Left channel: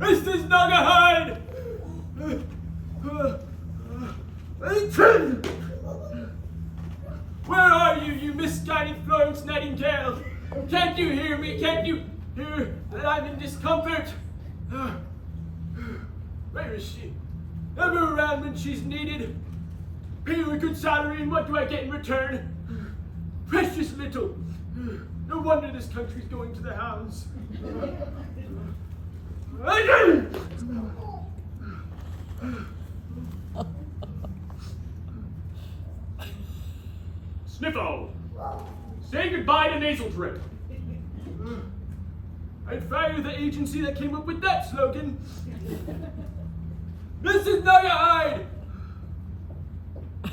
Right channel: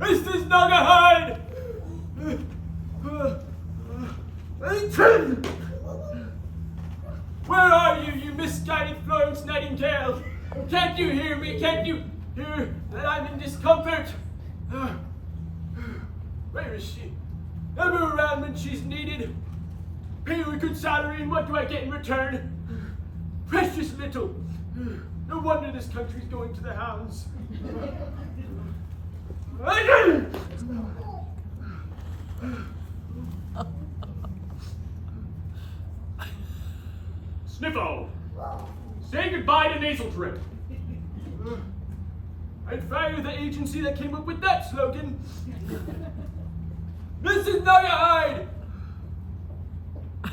This is Nagahide! Where are you, you misguided Florence Nightingale? Can't you hear me? Can't you hear that I'm in discomfort? Where is she? Ever around when she's needed? Pay her a good salary, and what do I get in return? Precious little. No wonder this country's going to the hounds. Sniffo! Say goodbye to nasal drip. I'd fire the agency that came up with that slogan. Mrs. Nuggerhide!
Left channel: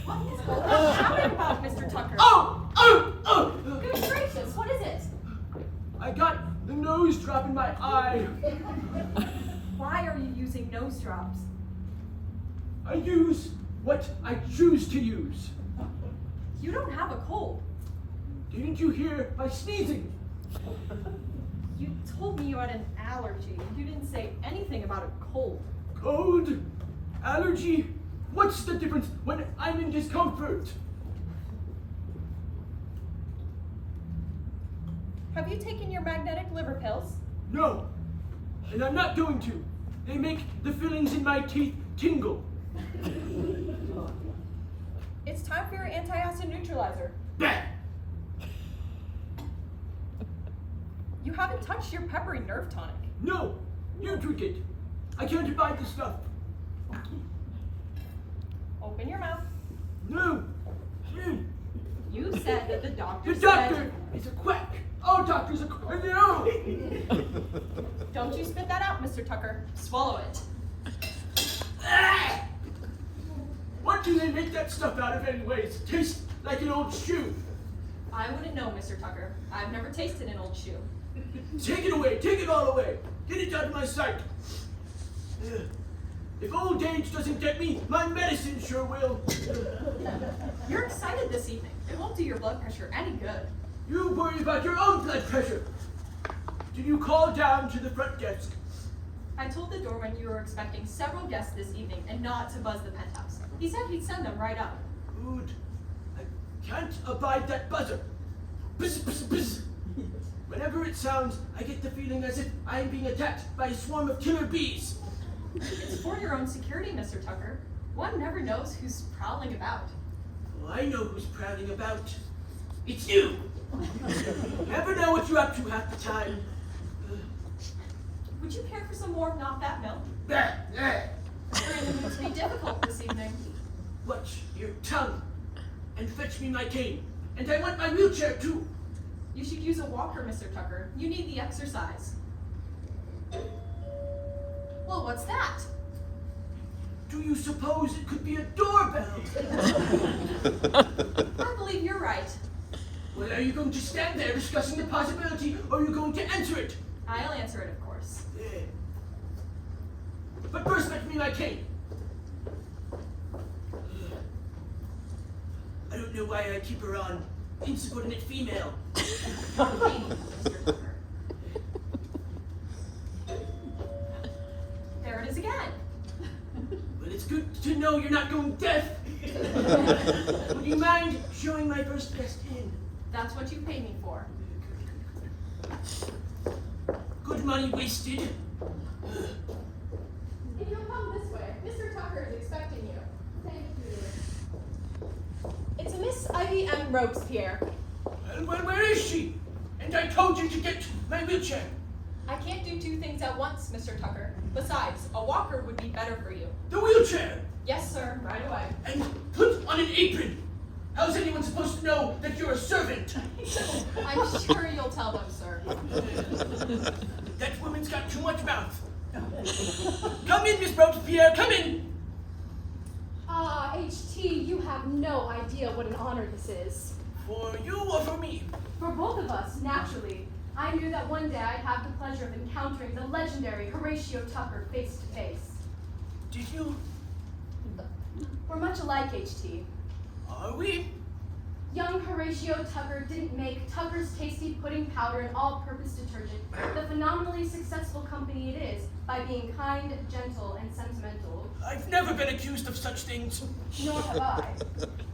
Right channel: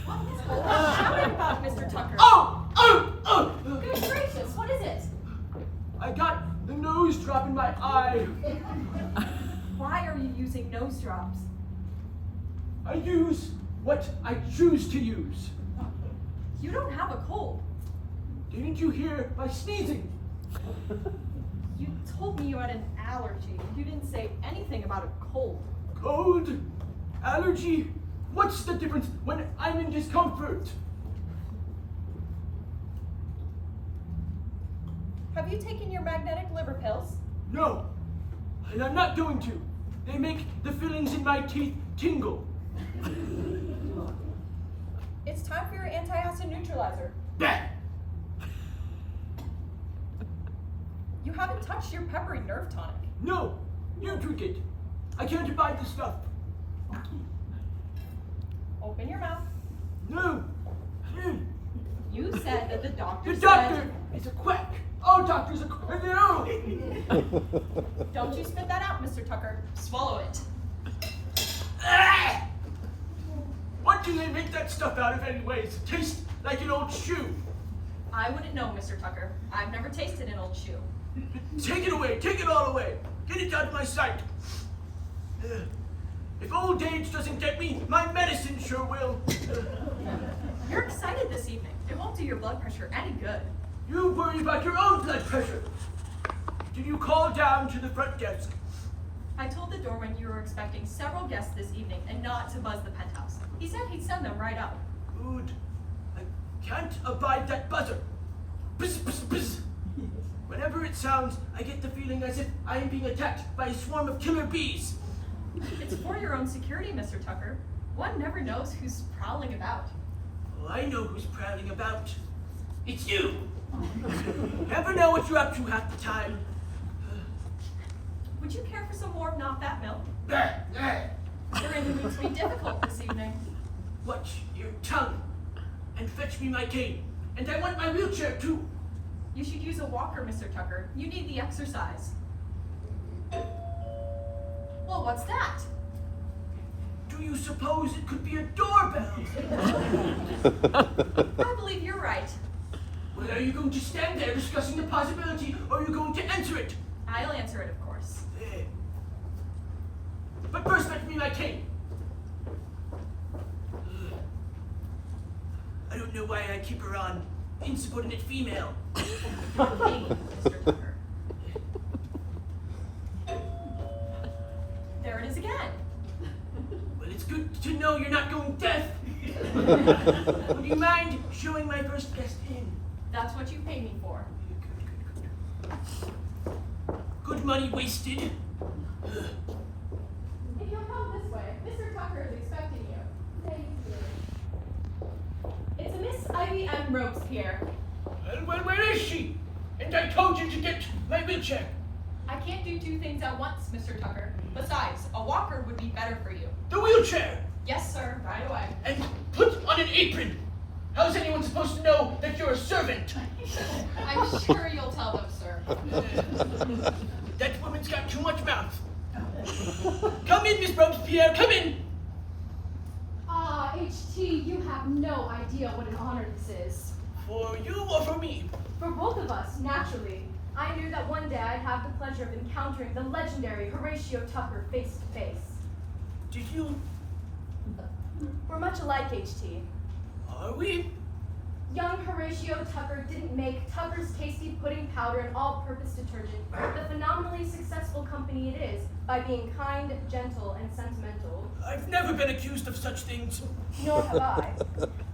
What is shouting about, Mr. Tucker? Oh! Good gracious, what is it? I got the nose drop in my eye. Why are you using nose drops? I use what I choose to use. You don't have a cold. Didn't you hear my sneezing? You told me you had an allergy. You didn't say anything about a cold. Cold? Allergy? What's the difference when I'm in discomfort? Have you taken your magnetic liver pills? No, and I'm not going to. They make the fillings in my teeth tingle. It's time for your antacid neutralizer. Bah! You haven't touched your peppery nerve tonic. No, you drink it. I can't abide the stuff. Open your mouth. No. You said that the doctor The doctor is a quack. All doctors are quack. No. Don't you spit that out, Mr. Tucker. Swallow it. Ah! What do they make that stuff out of anyways? Tastes like an old shoe. I wouldn't know, Mr. Tucker. I've never tasted an old shoe. Take it away. Take it all away. Get it out of my sight. If old age doesn't get me, my medicine sure will. You're excited this evening. It won't do your blood pressure any good. You worry about your own blood pressure. Did you call down to the front desk? I told the doorman you were expecting several guests this evening and not to buzz the penthouse. He said he'd send them right up. Good. I can't abide that buzzer. Buzz, buzz, buzz. Whenever it sounds, I get the feeling as if I am being attacked by a swarm of killer bees. It's for your own security, Mr. Tucker. One never knows who's prowling about. Oh, I know who's prowling about. It's you. Never know what you're up to half the time. Would you care for some more not that milk? Bah, bah. We're in the mood to be difficult this evening. Watch your tongue and fetch me my cane. And I want my wheelchair too. You should use a walker, Mr. Tucker. You need the exercise. Well, what's that? Do you suppose it could be a doorbell? I believe you're right. Well, are you going to stand there discussing the possibility, or are you going to answer it? I'll answer it, of course. Yeah. But first fetch me my cane. I don't know why I keep her on. Insubordinate female. Not me, Mr. Tucker. There it is again. Well, it's good to know you're not going deaf. Would you mind showing my first guest in? That's what you paid me for. Good money wasted. If you'll come this way, Mr. Tucker is expecting you. Thank you. It's Miss Ivy M. Robespierre. Well, where is she? And I told you to get my wheelchair. I can't do two things at once, Mr. Tucker. Besides, a walker would be better for you. The wheelchair. Yes, sir, right away. And put on an apron. How's anyone supposed to know that you're a servant? I'm sure you'll tell them, sir. That woman's got too much mouth. Come in, Miss Robespierre, come in. Ah, HT, you have no idea what an honor this is. For you or for me? For both of us, naturally. I knew that one day I'd have the pleasure of encountering the legendary Horatio Tucker face to face. Did you We're much alike, HT. Are we? Young Horatio Tucker didn't make Tucker's Tasty Pudding Powder and all-purpose detergent the phenomenally successful company it is by being kind, gentle, and sentimental. I've never been accused of such things. Nor have I.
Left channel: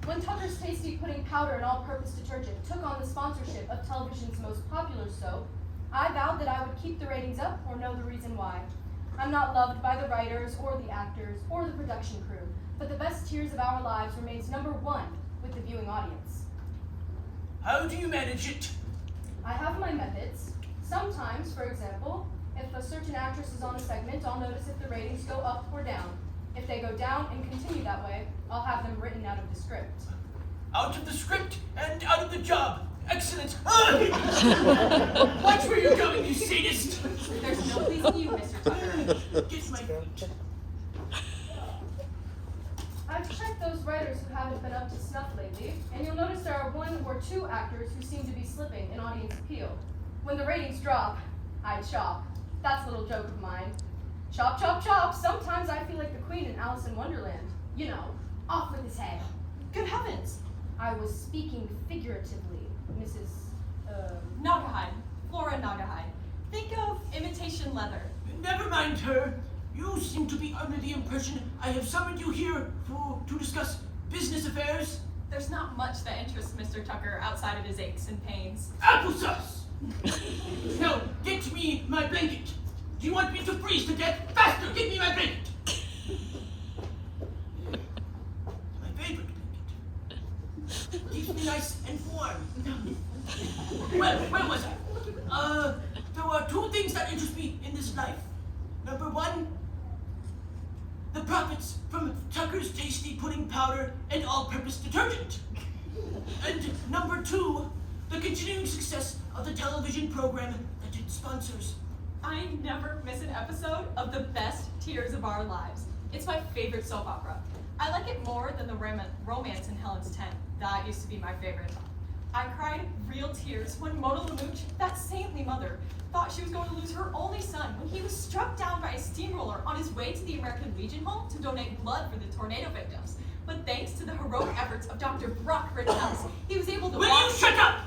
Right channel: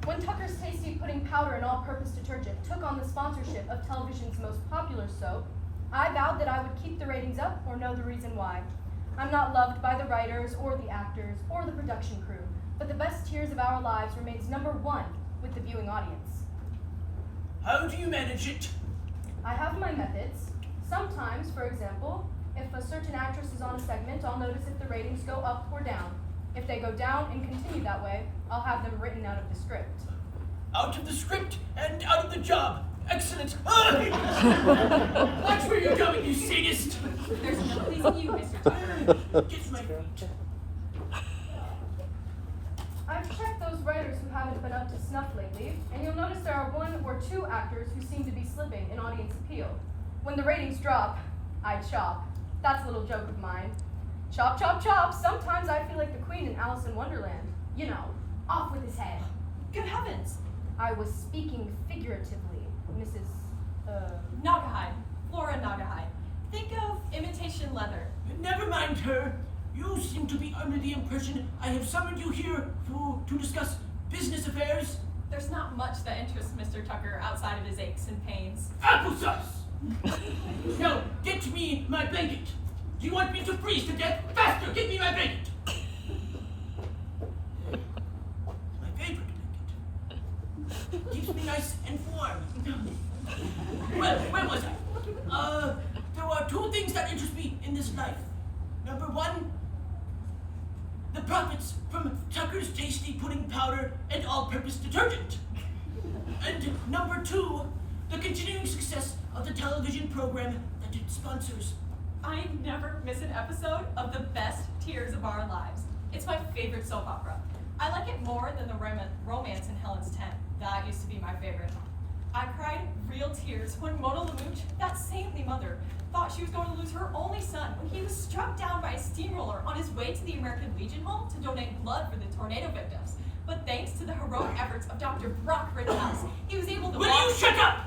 When Tucker's Tasty Pudding Powder and all-purpose detergent took on the sponsorship of television's most popular soap, I vowed that I would keep the ratings up or know the reason why. I'm not loved by the writers or the actors or the production crew, but the best Tears of Our Lives remains #1 with the viewing audience. How do you manage it? I have my methods. Sometimes, for example, if a certain actress is on a segment, I'll notice if the ratings go up or down. If they go down and continue that way, I'll have them written out of the script. Out of the script and out of the job. Excellent. Watch where you're going, you sadist. There's no pleasing you, Mr. Tucker. Get my feet. I've checked those writers who haven't been up to snuff lately, and you'll notice there are 1 or 2 actors who seem to be slipping in audience appeal. When the ratings drop, I chop. That's a little joke of mine. Chop, chop, chop. Sometimes I feel like the queen in Alice in Wonderland. You know, off with his head. Good heavens. I was speaking figuratively, Mrs. Naugahyde. Flora Naugahyde. Think of imitation leather. Never mind her. You seem to be under the impression I have summoned you here to discuss business affairs. There's not much that interests Mr. Tucker outside of his aches and pains. Applesauce! Now, get me my blanket. Do you want me to freeze to death? Faster, give me my blanket. My favorite blanket. Keeps me nice and warm. Well, where was I? There are 2 things that interest me in this life. Number 1, the profits from Tucker's Tasty Pudding Powder and all-purpose detergent. And number 2, the continuing success of the television program that it sponsors. I never miss an episode of the best Tears of Our Lives. It's my favorite soap opera. I like it more than the romance in Helen's Tent. That used to be my favorite. I cried real tears when Mona Lamooch, that saintly mother, thought she was going to lose her only son when he was struck down by a steamroller on his way to the American Legion Home to donate blood for the tornado victims. But thanks to the heroic efforts of Dr. Brock Rittenhouse, he was able to Will you shut up?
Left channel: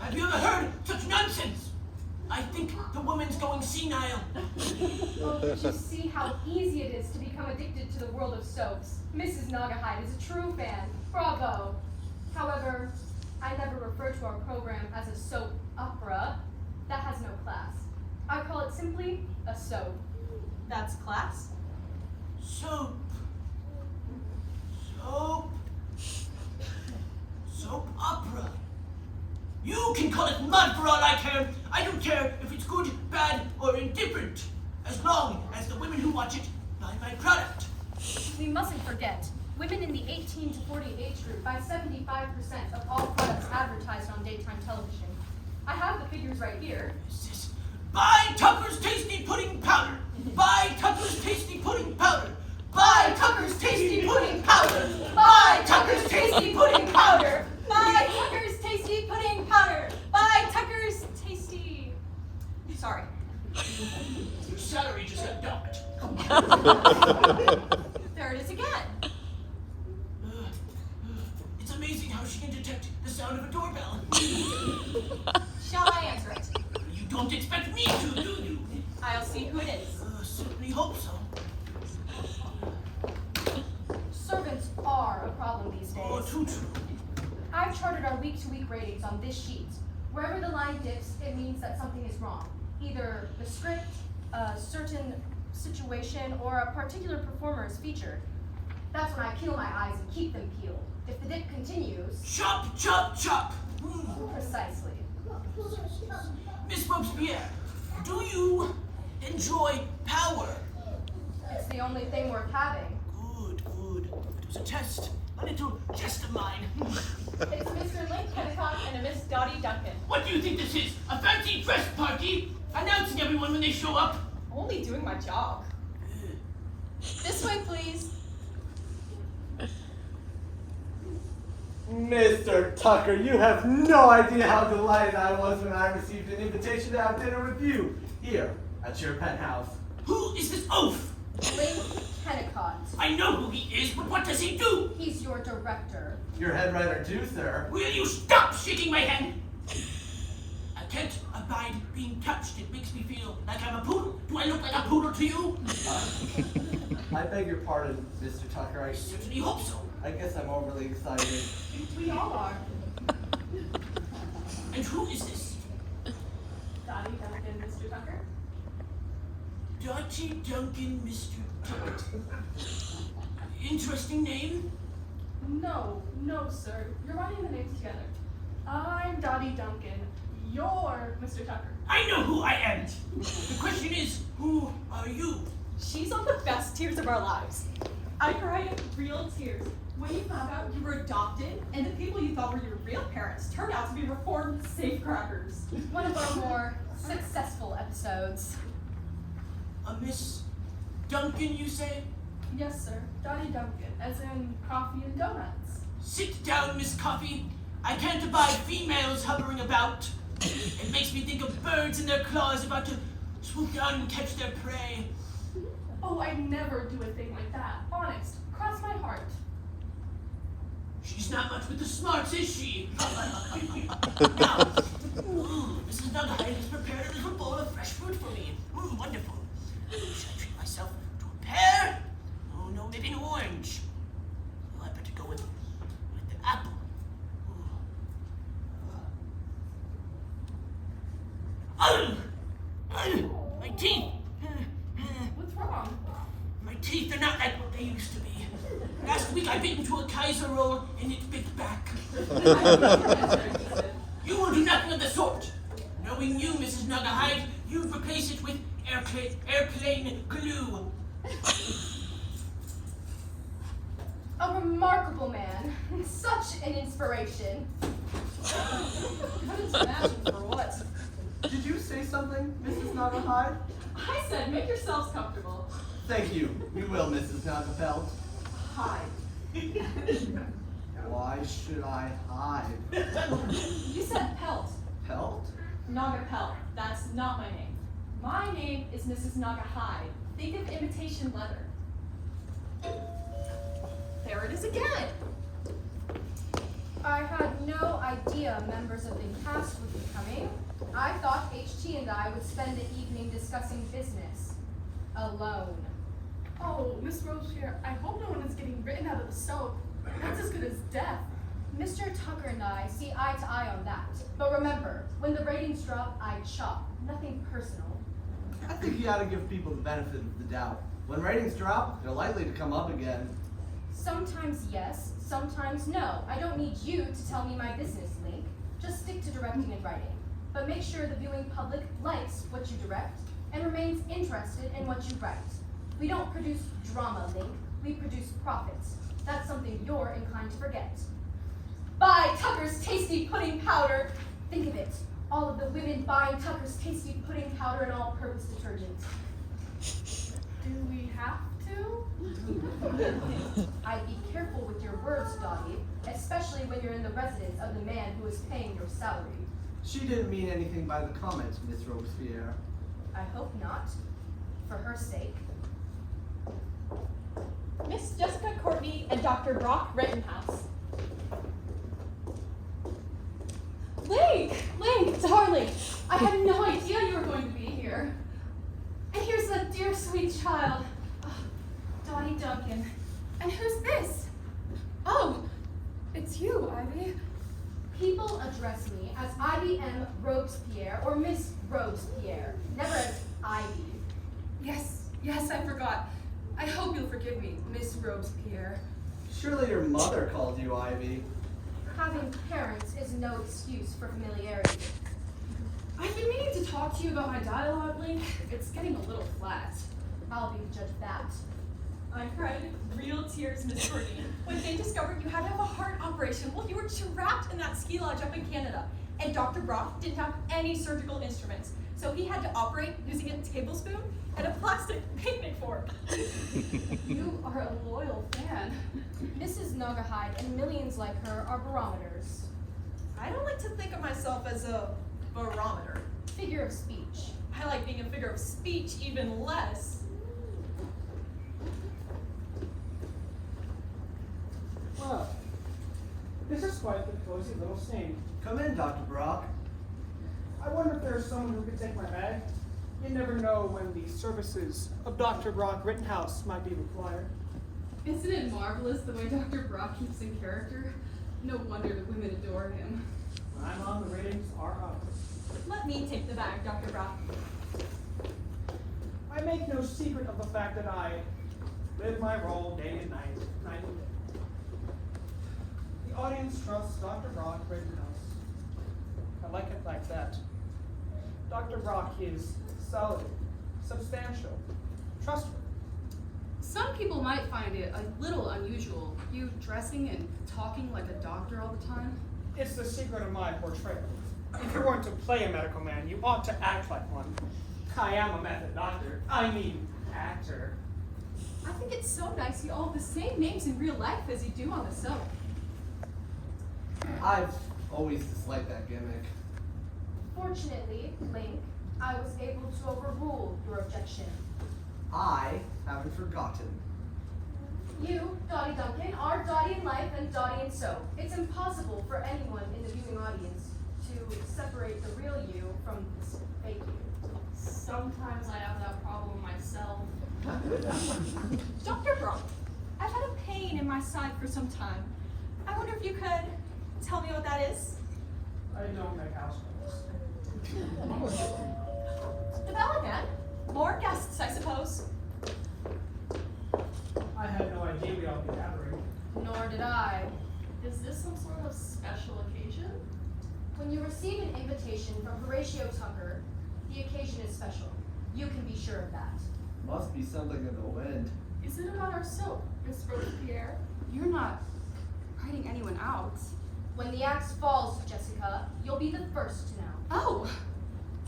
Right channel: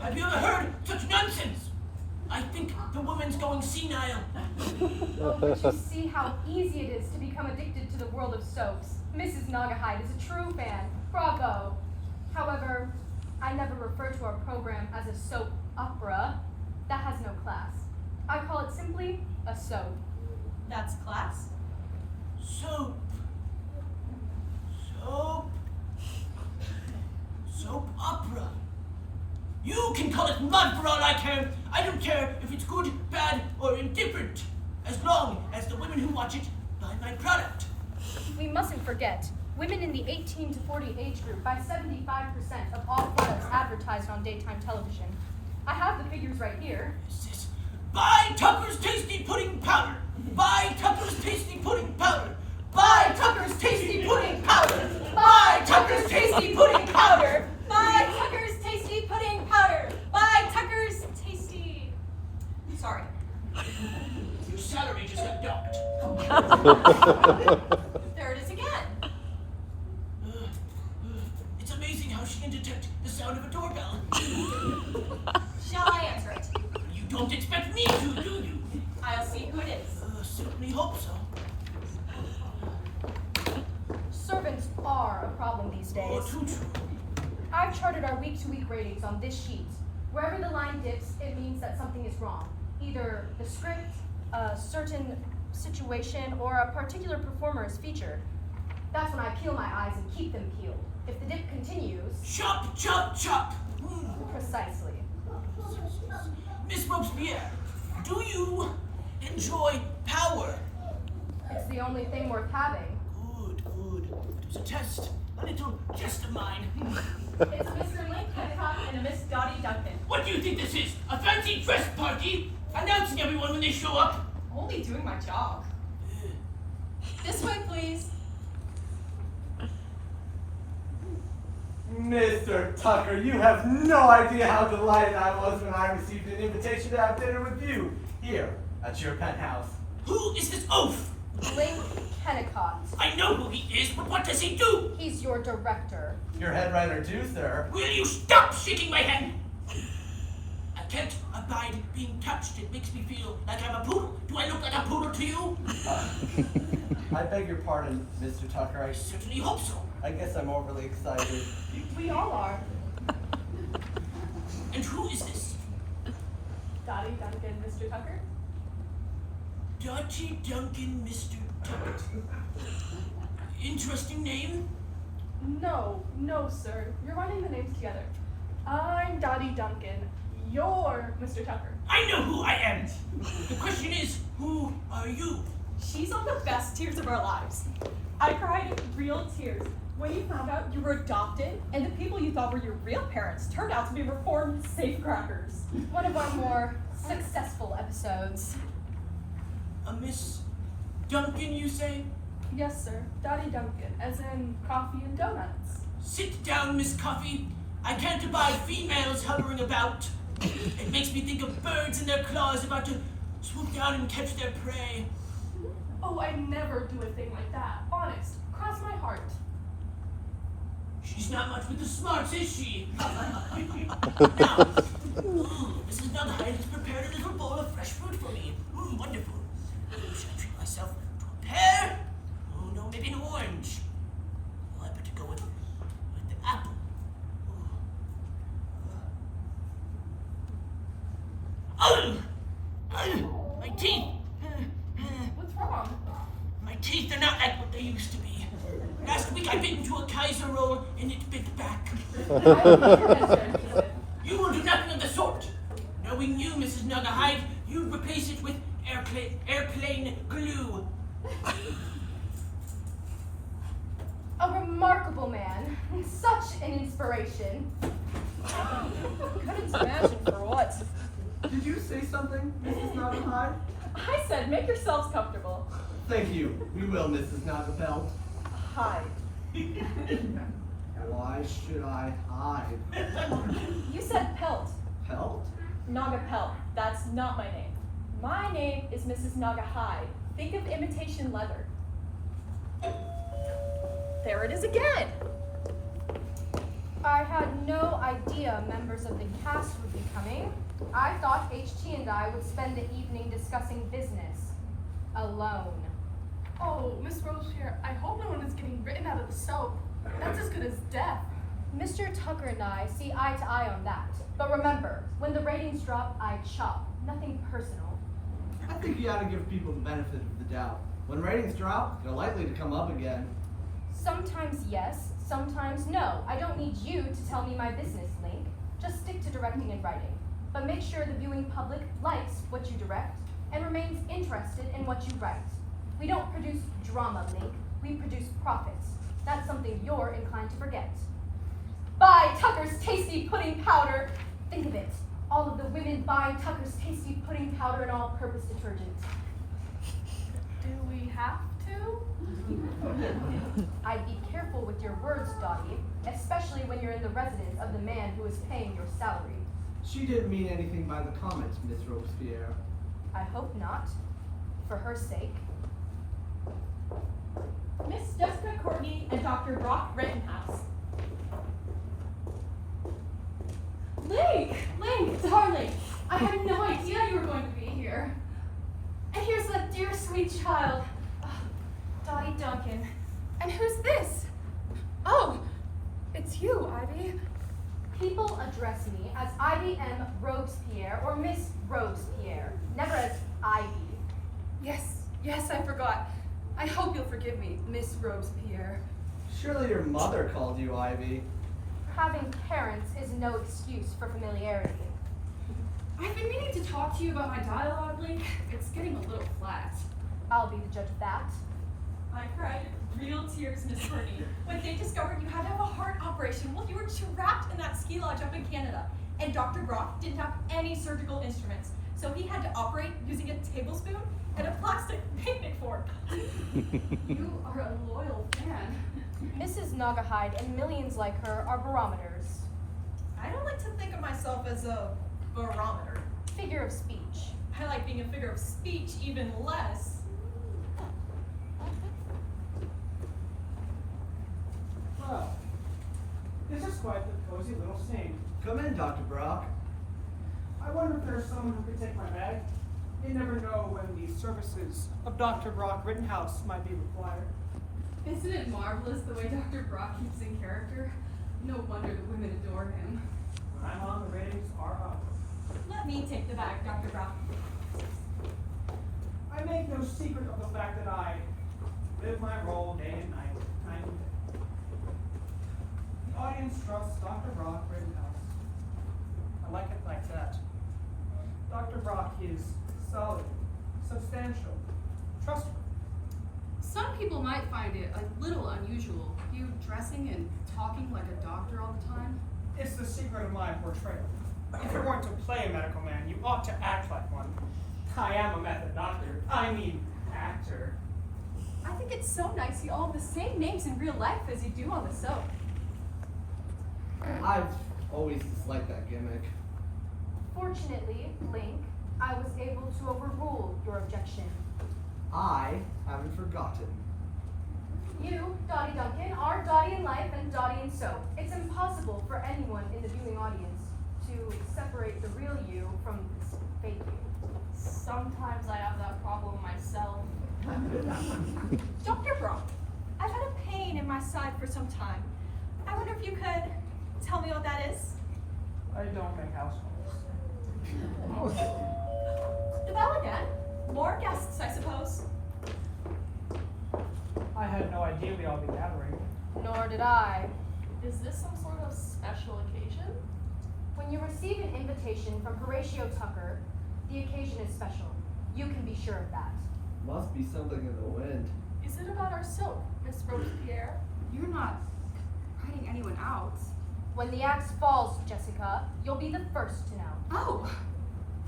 Have you ever heard such nonsense? I think the woman's going senile. Oh, but you see how easy it is to become addicted to the world of soaps. Mrs. Naugahyde is a true fan. Bravo. However, I never refer to our program as a soap opera. That has no class. I call it simply a soap. That's class. Soap. Soap opera. You can call it mud for all I care. I don't care if it's good, bad, or indifferent, as long as the women who watch it buy my product. We mustn't forget, women in the 18 to 40 age group buy 75% of all products advertised on daytime television. I have the figures right here. Buy Tucker's Tasty Pudding Powder. Buy Tucker's Tasty Pudding Powder. Buy Tucker's Tasty Pudding Powder. Buy Tucker's Tasty Pudding Powder. Buy Tucker's Tasty Pudding Powder. Buy Tucker's Tasty... Sorry. Your salary just got docked. There it is again. It's amazing how she can detect the sound of a doorbell. Shall I answer it? You don't expect me to, do you? I'll see who it is. Certainly hope so. Servants are a problem these days. Oh, too true. I've charted our week-to-week ratings on this sheet. Wherever the line dips, it means that something is wrong. Either the script, a certain situation, or a particular performer is featured. That's when I peel my eyes and keep them peeled. If the dip continues... Chop, chop, chop! Precisely. Miss Robespierre, do you enjoy power? It's the only thing worth having. Good, good. It was a test. A little jest of mine. It's Mr. Link Kennicott and a Miss Dottie Duncan. What do you think this is? A fancy dress party? Announcing everyone when they show up? Only doing my job. This way, please. Mr. Tucker, you have no idea how delighted I was when I received an invitation to have dinner with you here at your penthouse. Who is this oaf? Link Kennicott. I know who he is, but what does he do? He's your director. Your head writer too, sir. Will you stop shaking my hand? I can't abide being touched. It makes me feel like I'm a poodle. Do I look like a poodle to you? I beg your pardon, Mr. Tucker. I certainly hope so. I guess I'm overly excited. We all are. And who is this? Dottie Duncan, Mr. Tucker. Dottie Duncan, Mr. Tucker. Interesting name. No, sir. You're running the names together. I'm Dottie Duncan. You're Mr. Tucker. I know who I am. The question is, who are you? She's on the best tears of our lives. I cried real tears when you found out you were adopted and the people you thought were your real parents turned out to be reformed safecrackers. One of our more successful episodes. A Miss Duncan, you say? Yes, sir. Dottie Duncan, as in coffee and donuts. Sit down, Miss Coffee. I can't abide females hovering about. It makes me think of birds in their claws about to swoop down and catch their prey. Oh, I'd never do a thing like that. Honest. Cross my heart. She's not much with the smarts, is she? Now, Mrs. Nugghead has prepared a little bowl of fresh fruit for me. Wonderful. Should I treat myself to a pear? Oh, no, maybe an orange. Oh, I better go with the apple. My teeth. What's wrong? My teeth are not like what they used to be. Last week I bit into a Kaiser roll and it bit back. You will do nothing of the sort. Knowing you, Mrs. Nuggahide, you'd replace it with airplane glue. A remarkable man. Such an inspiration. Couldn't imagine for what. Did you say something, Mrs. Nuggahide? I said, make yourselves comfortable. Thank you. We will, Mrs. Nuggahide. Hide. Why should I hide? You said pelt. Pelt? Naga Pelt. That's not my name. My name is Mrs. Naga Hide. Think of imitation leather. There it is again. I had no idea members of the cast would be coming. I thought HT and I would spend the evening discussing business. Alone. Oh, Miss Robespierre, I hope no one is getting written out of the soap. That's as good as death. Mr. Tucker and I see eye to eye on that. But remember, when the ratings drop, I chop. Nothing personal. I think you ought to give people the benefit of the doubt. When ratings drop, they're likely to come up again. Sometimes yes, sometimes no. I don't need you to tell me my business, Link. Just stick to directing and writing. But make sure the viewing public likes what you direct and remains interested in what you write. We don't produce drama, Link. We produce profits. That's something you're inclined to forget. Buy Tucker's Tasty Pudding Powder. Think of it. All of the women buying Tucker's Tasty Pudding Powder and all-purpose detergent. Do we have to? I'd be careful with your words, Dottie, especially when you're in the residence of the man who is paying your salary. She didn't mean anything by the comments, Miss Robespierre. I hope not. For her sake. Miss Jessica Courtney and Dr. Brock Rittenhouse. Link, darling, I had no idea you were going to be here. And here's that dear sweet child, Dottie Duncan. And who's this? Oh, it's you, Ivy. People address me as Ivy M. Robespierre or Miss Robespierre, never as Ivy. Yes, I forgot. I hope you'll forgive me, Miss Robespierre. Surely your mother called you Ivy. Having parents is no excuse for familiarity. I've been meaning to talk to you about my dialogue, Link. It's getting a little flat. I'll be the judge of that. I cried real tears, Miss Courtney, when they discovered you had to have a heart operation while you were trapped in that ski lodge up in Canada. And Dr. Brock didn't have any surgical instruments, so he had to operate using a tablespoon and a plastic picnic fork. You are a loyal fan. Mrs. Naugahyde and millions like her are barometers. I don't like to think of myself as a barometer. Figure of speech. I like being a figure of speech even less. quite the cozy little scene. Come in, Dr. Brock. I wonder if there's someone who could take my bag. You never know when the services of Dr. Brock Rittenhouse might be required. Isn't it marvelous the way Dr. Brock keeps in character? No wonder the women adore him. When I'm on, the ratings are up. Let me take the bag, Dr. Brock. I make no secret of the fact that I live my role day and night, night and day. The audience trusts Dr. Brock Rittenhouse. I like it like that. Dr. Brock is solid, substantial, trustworthy. Some people might find it a little unusual, you dressing and talking like a doctor all the time. It's the secret of my portrayal. If you weren't to play a medical man, you ought to act like one. I am a method doctor. I mean, actor. I think it's so nice you all have the same names in real life as you do on the soap. I've always disliked that gimmick. Fortunately, Link, I was able to overrule your objection. I haven't forgotten. You, Dottie Duncan, are Dottie in life and Dottie in soap. It's impossible for anyone in the viewing audience to separate the real you from this fake you. Sometimes I have that problem myself. Dr. Brock, I've had a pain in my side for some time. I wonder if you could tell me what that is? I don't make house calls. The bell again. More guests, I suppose. I had no idea we'd all be gathering. Nor did I. Is this some sort of special occasion? When you receive an invitation from Horatio Tucker, the occasion is special. You can be sure of that. Must be something in the wind. Is it about our soap, Miss Robespierre? You're not writing anyone out. When the axe falls, Jessica, you'll be the first to know. Oh!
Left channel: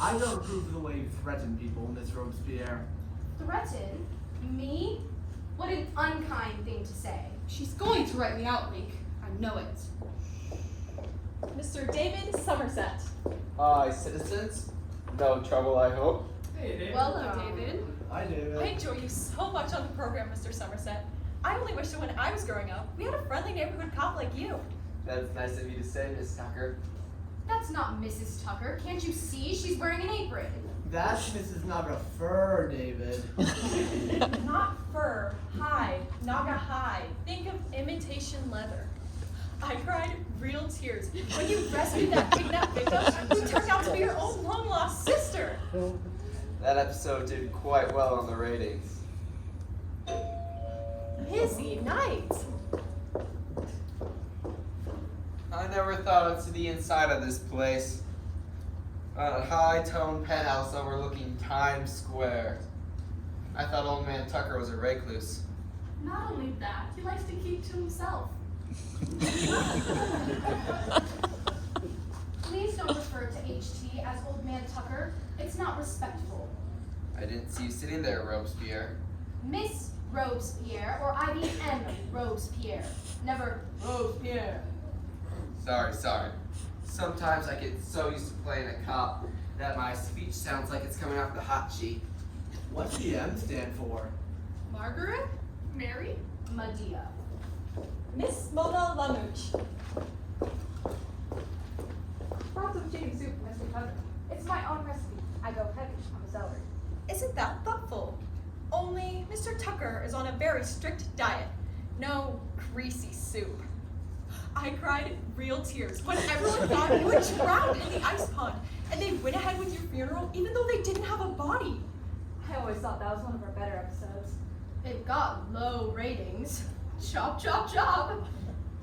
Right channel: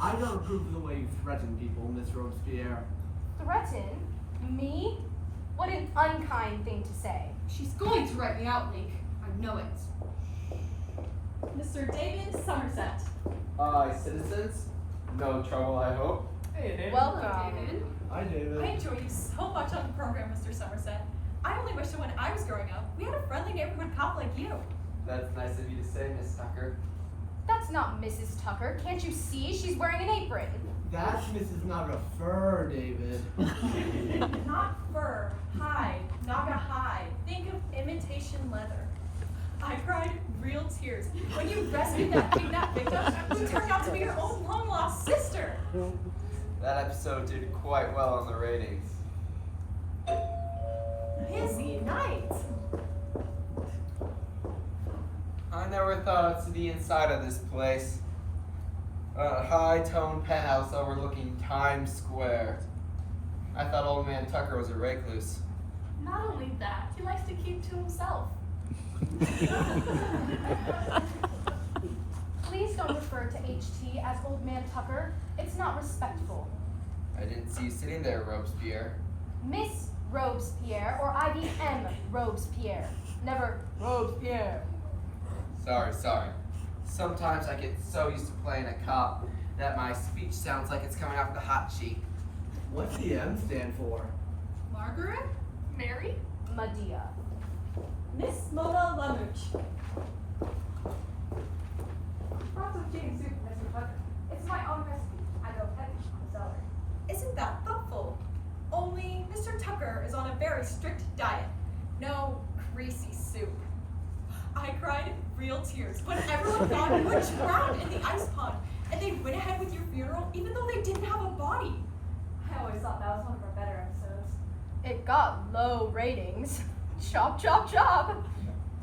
I don't approve of the way you threaten people, Miss Robespierre. Threaten? Me? What an unkind thing to say. She's going to write me out, Link. I know it. Mr. David Somerset. Hi, citizens. No trouble, I hope. Hey, David. Welcome. Hello, David. Hi, David. I enjoy you so much on the program, Mr. Somerset. I only wish that when I was growing up, we had a friendly neighborhood cop like you. That's nice of you to say, Miss Tucker. That's not Mrs. Tucker. Can't you see? She's wearing an apron. That's Mrs. Naga Fur, David. Not fur, hide, naga hide. Think of imitation leather. I cried real tears when you rescued that kidnapped victim who turned out to be your own long-lost sister. That episode did quite well on the ratings. Busy night. I never thought I'd see the inside of this place. A high-toned penthouse overlooking Times Square. I thought old man Tucker was a recluse. Not only that, he likes to keep to himself. Please don't refer to HT as Old Man Tucker. It's not respectful. I didn't see you sitting there, Robespierre. Miss Robespierre or IBM Robespierre. Never Robespierre. Sorry. Sometimes I get so used to playing a cop that my speech sounds like it's coming off the hot sheet. What's the M stand for? Margaret? Mary? Medea. Miss Mona Lanuch. Lots of James soup, Mr. Tucker. It's my own recipe. I go heavy on the celery. Isn't that thoughtful? Only Mr. Tucker is on a very strict diet. No greasy soup. I cried real tears when everyone thought you were drowned in the ice pond, and they went ahead with your funeral even though they didn't have a body. I always thought that was one of our better episodes. It got low ratings. Chop, chop, chop.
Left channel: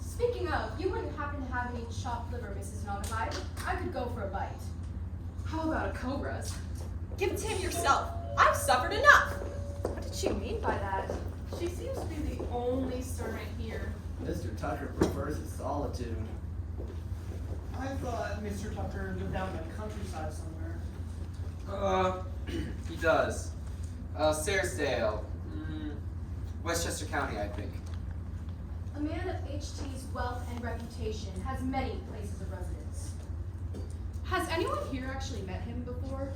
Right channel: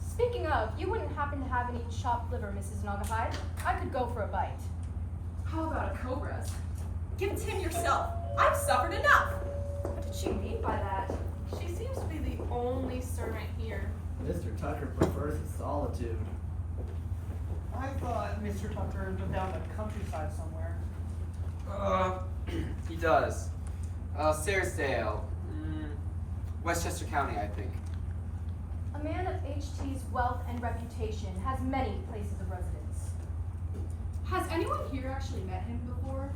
Speaking of, you wouldn't happen to have any chopped liver, Mrs. Nagahide? I could go for a bite. How about a cobra's? Give it to him yourself. I've suffered enough. What did she mean by that? She seems to be the only servant here. Mr. Tucker prefers his solitude. I thought Mr. Tucker lived down the countryside somewhere. He does. Saresdale. Westchester County, I think. A man of HT's wealth and reputation has many places of residence. Has anyone here actually met him before?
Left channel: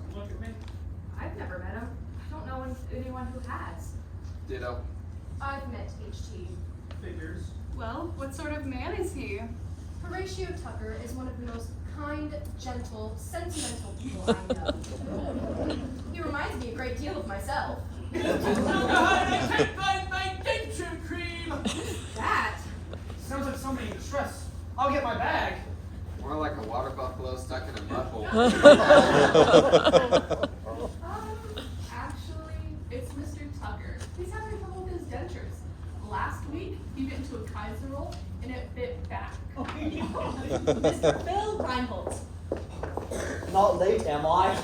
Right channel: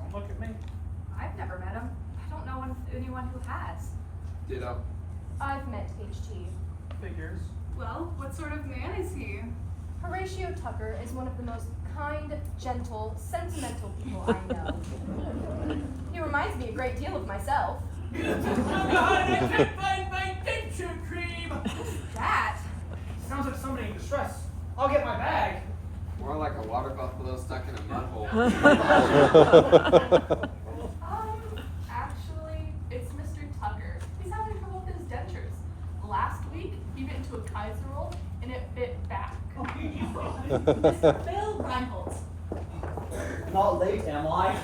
Don't look at me. I've never met him. I don't know anyone who has. Ditto. I've met HT. Figures. Well, what sort of man is he? Horatio Tucker is one of the most kind, gentle, sentimental people I know. He reminds me a great deal of myself. I can't find my denture cream. That sounds like somebody in distress. I'll get my bag. More like a water buffalo stuck in a mud hole. Actually, it's Mr. Tucker. He's having trouble with his dentures. Last week, he bit into a Kaiser roll and it bit back. Mr. Bill Reinhold. Not late, am I?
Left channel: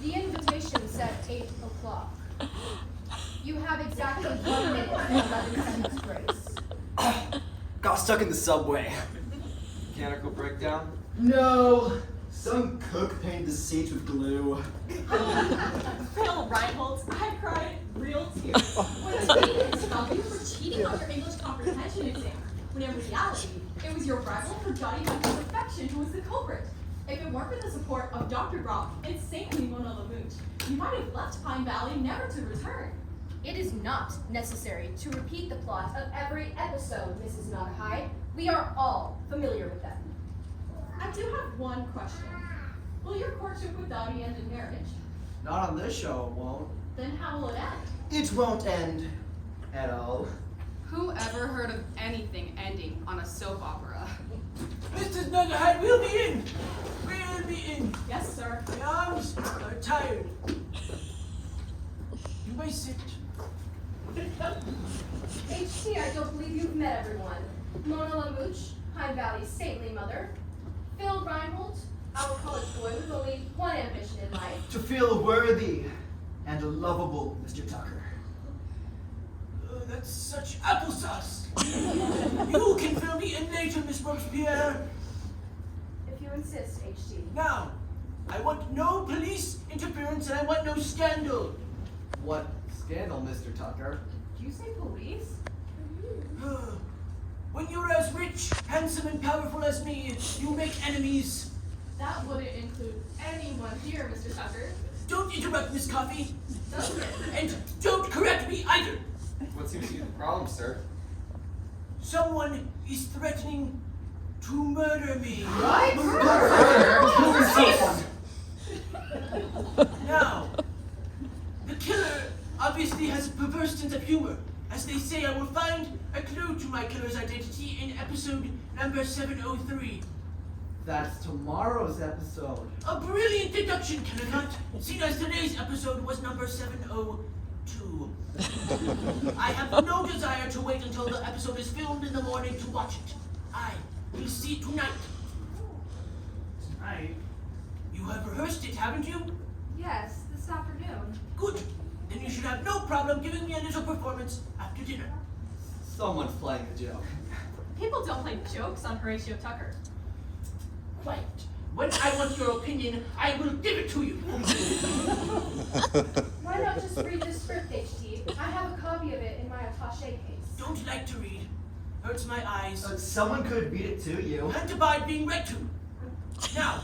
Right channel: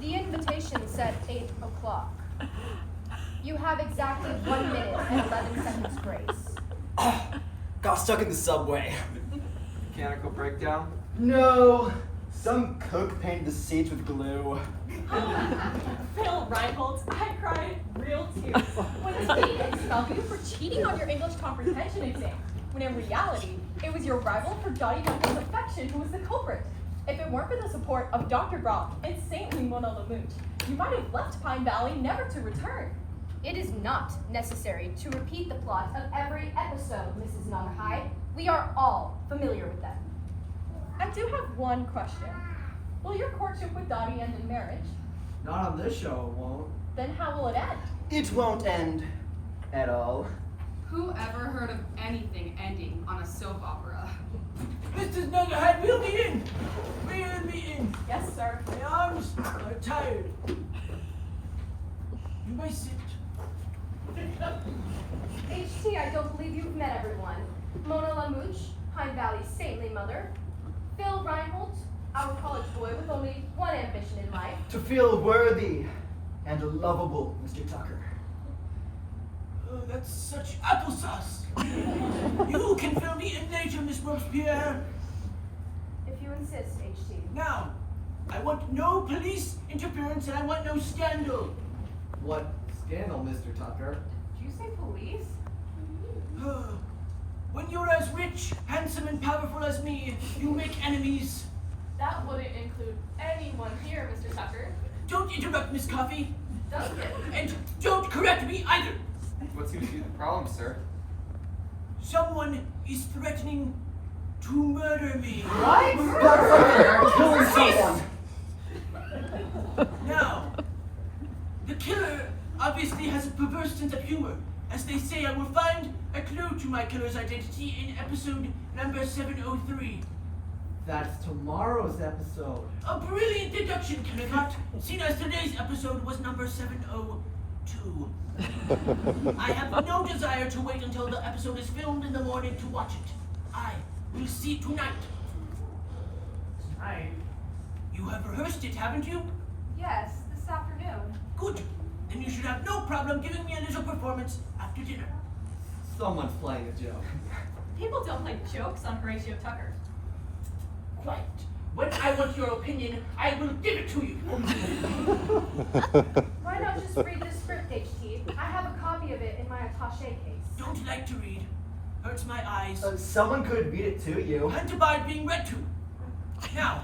The invitation said 8 o'clock. You have exactly 1 minute and 11 seconds grace. Got stuck in the subway. Mechanical breakdown? No. Some cook painted the seats with glue. Bill Reinhold, I cried real tears when a teenage tell you for cheating on your English comprehension exam, when in reality, it was your rival for Johnny Duncan's affection who was the culprit. If it weren't for the support of Dr. Groff and Saint Mona Lamouche, you might have left Pine Valley never to return. It is not necessary to repeat the plot of every episode, Mrs. Nagahide. We are all familiar with them. I do have one question. Will your courtship with Dottie end in marriage? Not on this show, it won't. Then how will it end? It won't end at all. Who ever heard of anything ending on a soap opera? Mrs. Nuggerhead, we'll be in. We'll be in. Yes, sir. My arms are tired. You may sit. HT, I don't believe you've met everyone. Mona Lamouche, Pine Valley's saintly mother. Phil Reinhold, our college boy with only one ambition in life. To feel worthy and lovable, Mr. Tucker. Oh, that's such applesauce. You can fill me in later, Miss Robespierre. If you insist, HT. Now, I want no police interference and I want no scandal. What scandal, Mr. Tucker? Did you say police? When you're as rich, handsome, and powerful as me, you make enemies. That wouldn't include anyone here, Mr. Tucker. Don't interrupt, Miss Coffee. Doesn't it? And don't correct me either. What seems to be the problem, sir? Someone is threatening to murder me. What? Killing someone. Now, the killer obviously has a perverse sense of humor. As they say, I will find a clue to my killer's identity in episode number 703. That's tomorrow's episode. A brilliant deduction, Kennicott, seen as today's episode was number 702. I have no desire to wait until the episode is filmed in the morning to watch it. I will see it tonight. Tonight? You have rehearsed it, haven't you? Yes, this afternoon. Good. Then you should have no problem giving me a little performance after dinner. Someone's playing a joke. People don't play jokes on Horatio Tucker. Quiet. When I want your opinion, I will give it to you. Why not just read the script, HT? I have a copy of it in my attaché case. Don't like to read. Hurts my eyes. Someone could read it to you. Can't abide being read to. Now,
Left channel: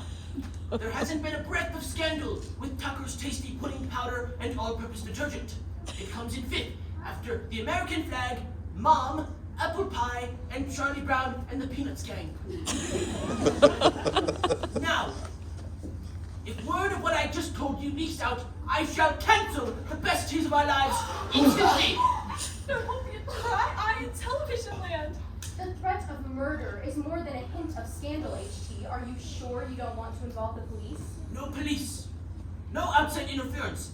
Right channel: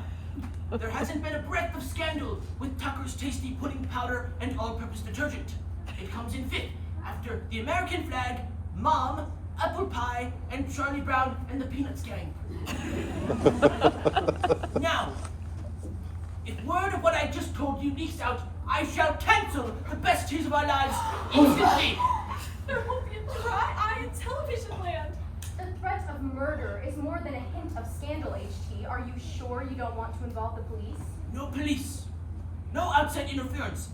there hasn't been a breath of scandal with Tucker's tasty pudding powder and all-purpose detergent. It comes in fifth after the American flag, Mom, Apple Pie, and Charlie Brown and the Peanuts Gang. Now, if word of what I just told you leaks out, I shall cancel the best tears of our lives instantly. There won't be a dry eye in television land. The threat of murder is more than a hint of scandal, HT. Are you sure you don't want to involve the police? No police. No outside interference.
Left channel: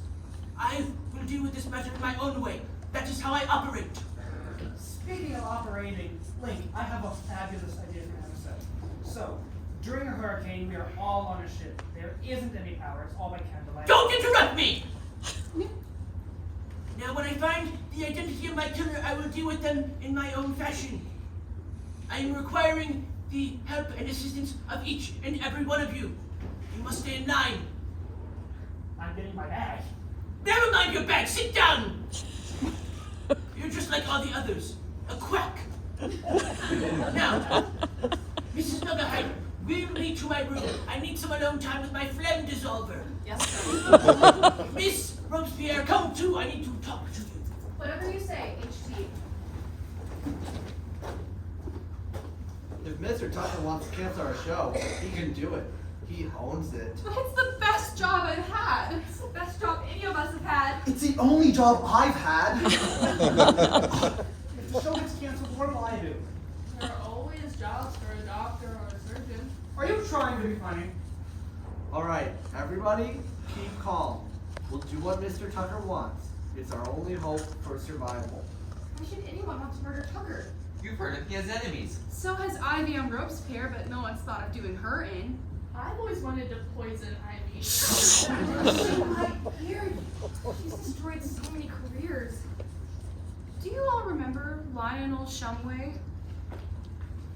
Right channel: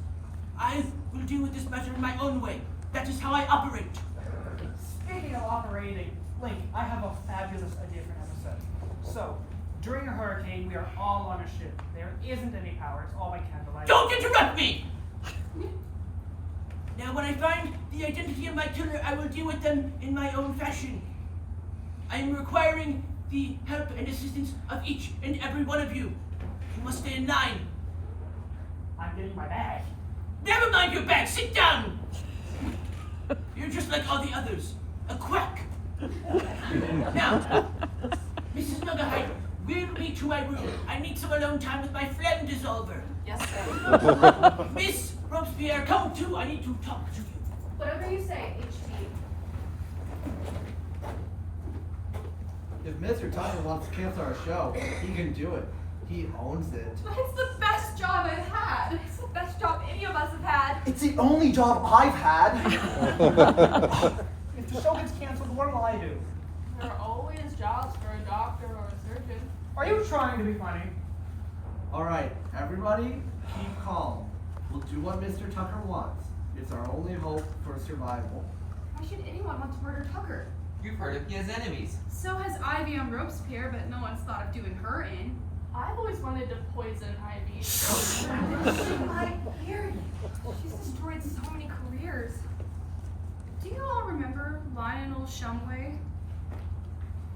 I will deal with this matter in my own way. That is how I operate. Speaking of operating, Link, I have a fabulous idea for an episode. So, during a hurricane, we are all on a ship. There isn't any power, it's all by candlelight. Don't interrupt me! Now, when I find the identity of my killer, I will deal with them in my own fashion. I am requiring the help and assistance of each and every one of you. You must stay in line. I'm getting my bag. Never mind your bag, sit down! You're just like all the others, a quack. Now, Mrs. Nuggerheim, wheel me to my room. I need some alone time with my phlegm dissolver. Yes, sir. Miss Robespierre, come too. I need to talk to you. Whatever you say, HT. If Mr. Tucker wants to cancel our show, he can do it. He owns it. But it's the best job I've had. It's the best job any of us have had. It's the only job I've had. If the show gets canceled, what will I do? There are always jobs for a doctor or a surgeon. Are you trying to be funny? All right, everybody, keep calm. We'll do what Mr. Tucker wants. It's our only hope for survival. Why should anyone want to murder Tucker? You've heard it, he has enemies. So has Ivy on Robespierre, but no one's thought of doing her in. I've always wanted to poison Ivy. I hear you. She's destroyed so many careers. Do you all remember Lionel Shumway?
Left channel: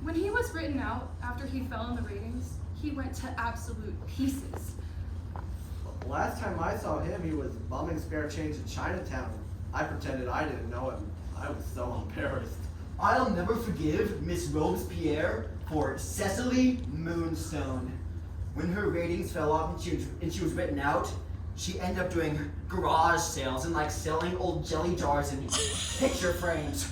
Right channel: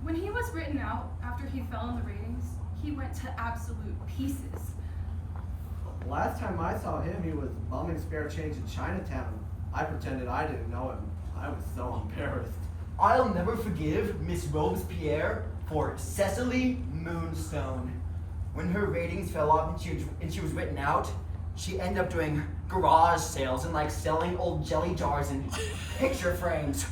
When he was written out after he fell in the ratings, he went to absolute pieces. Last time I saw him, he was bumming spare change in Chinatown. I pretended I didn't know him. I was so embarrassed. I'll never forgive Miss Robespierre for Cecily Moonstone. When her ratings fell off and she was written out, she ended up doing garage sales and like selling old jelly jars and picture frames.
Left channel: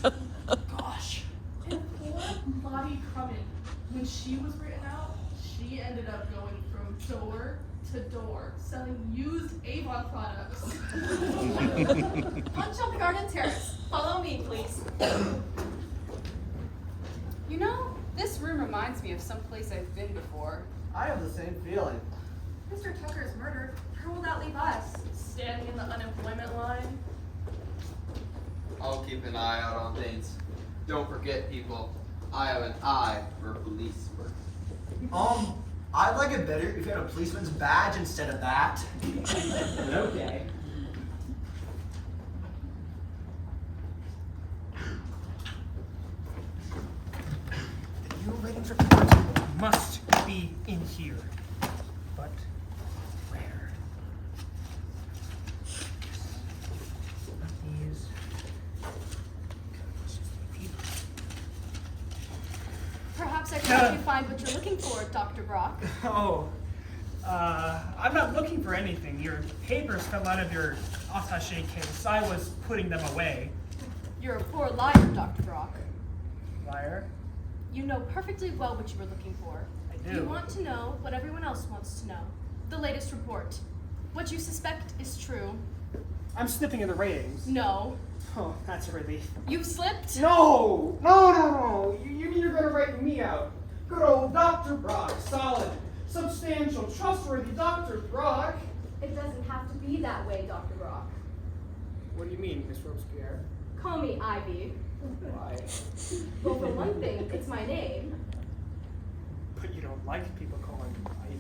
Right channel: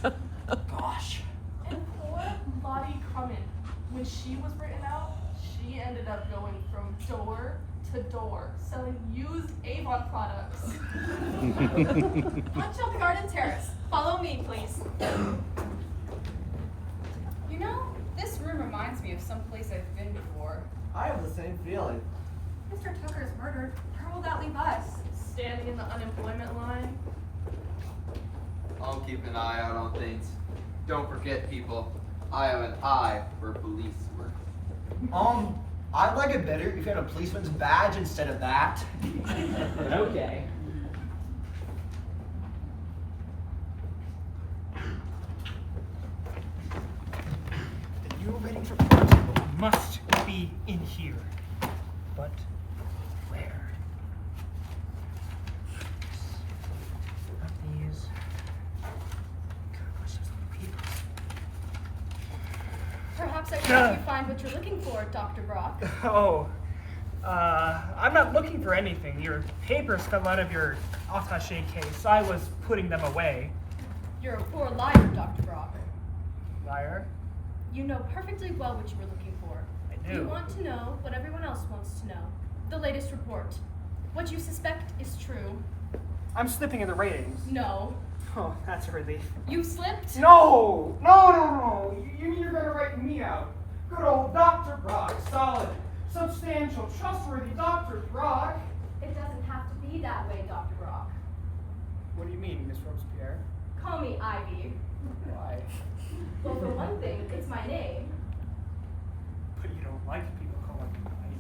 Gosh. And poor Lottie Crummin, when she was written out, she ended up going from door to door, selling used Avon products. Lunch on the garden terrace. Follow me, please. You know, this room reminds me of some place I've been before. I have the same feeling. Mr. Tucker is murdered. Where will that leave us? Standing in the unemployment line. I'll keep an eye out on things. Don't forget, people, I have an eye for police work. I'd like it better if you had a policeman's badge instead of that. Okay. The new ratings report must be in here. But where? Not these. Perhaps I can help you find what you're looking for, Dr. Brock. Oh, I'm not looking for anything. Your papers fell out of your attaché case. I was putting them away. You're a poor liar, Dr. Brock. Liar. You know perfectly well what you were looking for. I do. You want to know what everyone else wants to know. The latest report. What you suspect is true. I'm slipping in the ratings. No. Oh, that's a relief. You've slipped? No! No! You mean you're going to write me out? Good old Dr. Brock. Solid, substantial, trustworthy Dr. Brock. It doesn't have to be that way, Dr. Brock. What do you mean, Miss Robespierre? Call me Ivy. Why? Well, for one thing, it's my name. But you don't like people calling you Ivy.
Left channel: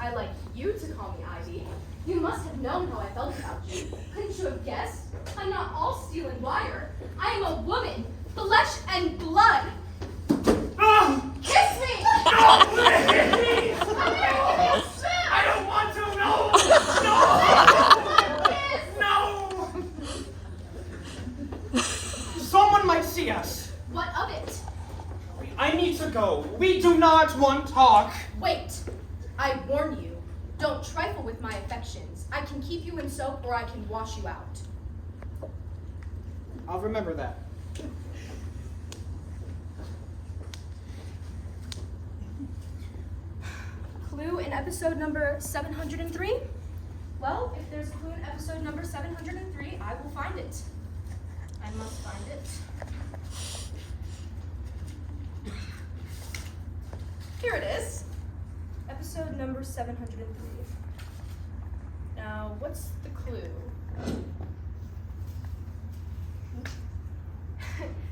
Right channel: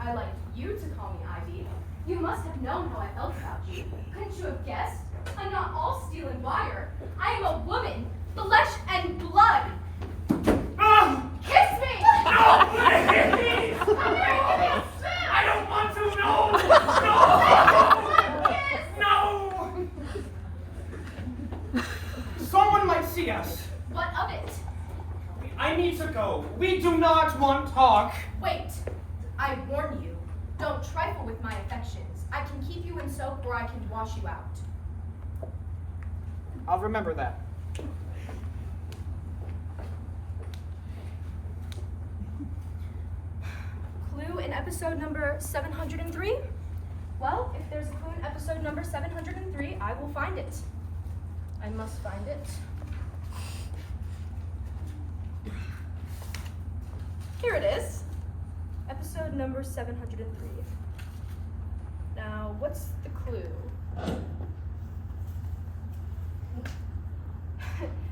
I like you to call me Ivy. You must have known how I felt about you. Couldn't you have guessed? I'm not all steel and wire. I am a woman, flesh and blood. Kiss me! I don't want to! No! Someone might see us. What of it? I need to go. We do not want talk. Wait. I warn you. Don't trifle with my affections. I can keep you in soap or I can wash you out. I'll remember that. Clue in episode number 703? Well, if there's a clue in episode number 703, I will find it. I must find it. Here it is. Episode number 703. Now, what's the clue?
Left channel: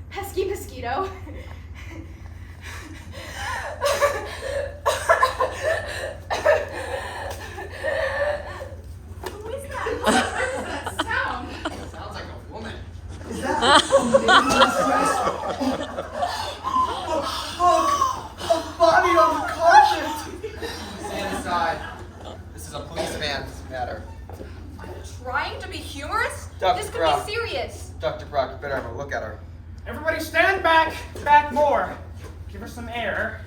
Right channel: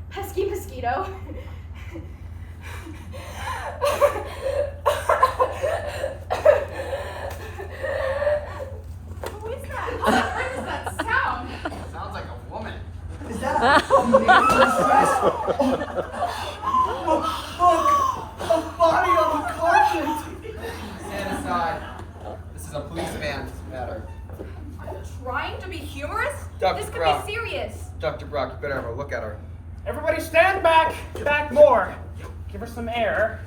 Pesky mosquito. Who is that? Where does that sound? Sounds like a woman. Is that a maiden's dress? A body on the carpet! Stand aside. This is a policeman's matter. Are you trying to be humorous? Dr. This could Brock. be serious. Dr. Brock, you better have a look at her. Everybody stand back. Back more. Give her some air.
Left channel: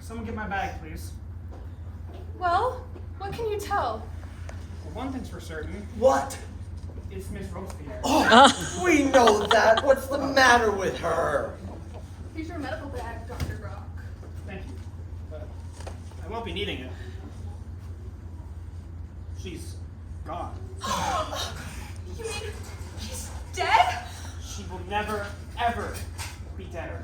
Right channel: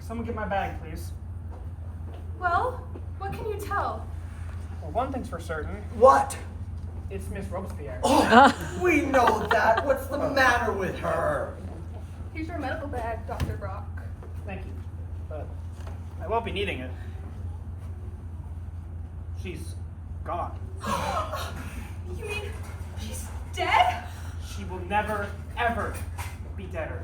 Someone get my bag, please. Well, what can you tell? Well, one thing's for certain. What? It's Miss Robespierre. Oh, we know that. What's the matter with her? Here's your medical bag, Dr. Brock. Thank you. But I won't be needing it. She's gone. You mean he's dead? She will never, ever be deader.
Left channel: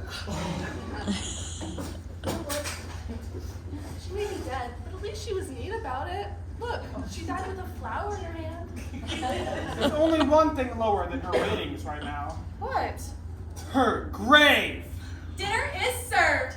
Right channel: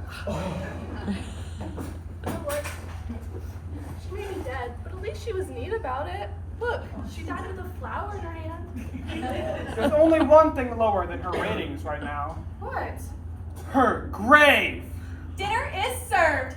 She may be dead, but at least she was neat about it. Look, she died with a flower in her hand. There's only one thing lower than her ratings right now. What? Her grave! Dinner is served.